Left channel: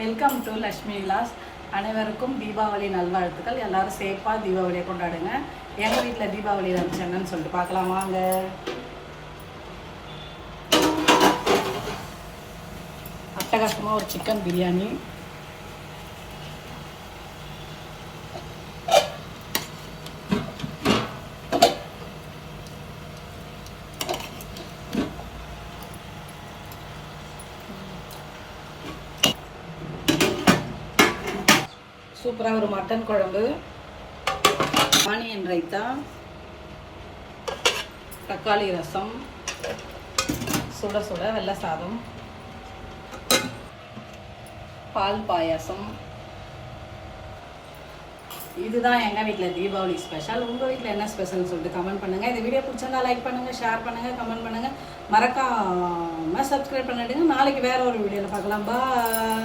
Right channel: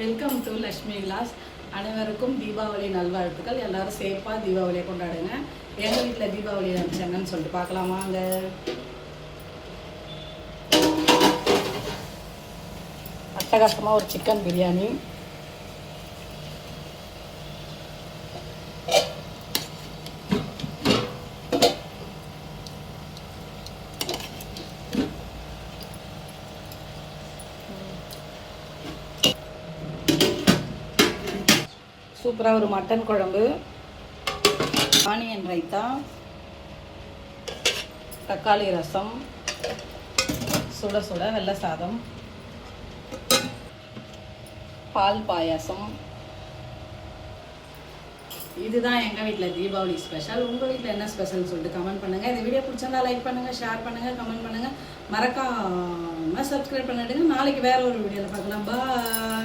Welcome to Lakshmi Vilas. அனைவருக்கும் தீபாவளி நல்வாழ்த்துக்கள். எல்லாரும் சேஃபாக தீபாவளியை கொண்டாடுங்க. எங்கள் வீட்டில் தீபாவளி லஞ்ச் என்னன்னு சொல்லிட்டு பார்க்கலாம் வாங்க. அட்டகாசமாக ஒரு சிக்கன் பிரியாணி, சூப்பராக ஒரு மட்டன் குழம்பு, ஆனியன் ரைத்தா, தக்காளி ரசம், சுட சுட வெள்ளை சாதம், பால் பாயாசம். இதுதான் எங்கள் வீட்டில் தீபாவளி ஸ்பெஷல். உங்கள் வீட்டில் என்ன ஸ்பெஷல்னு சொல்லிட்டு கமெண்ட் பண்ணுங்கள். இந்த வீடியோ பிடிச்சிருந்தா லைக் பண்ணுங்கள், ஷேர் பண்ணுங்கள், கமெண்ட் பண்ணுங்கள். மறக்காமல் சப்ஸ்கிரைப் பண்ணிடுங்க. நாளைக்கு வேறு ஒரு வீடியோவில் பார்க்கலாம். பாய்.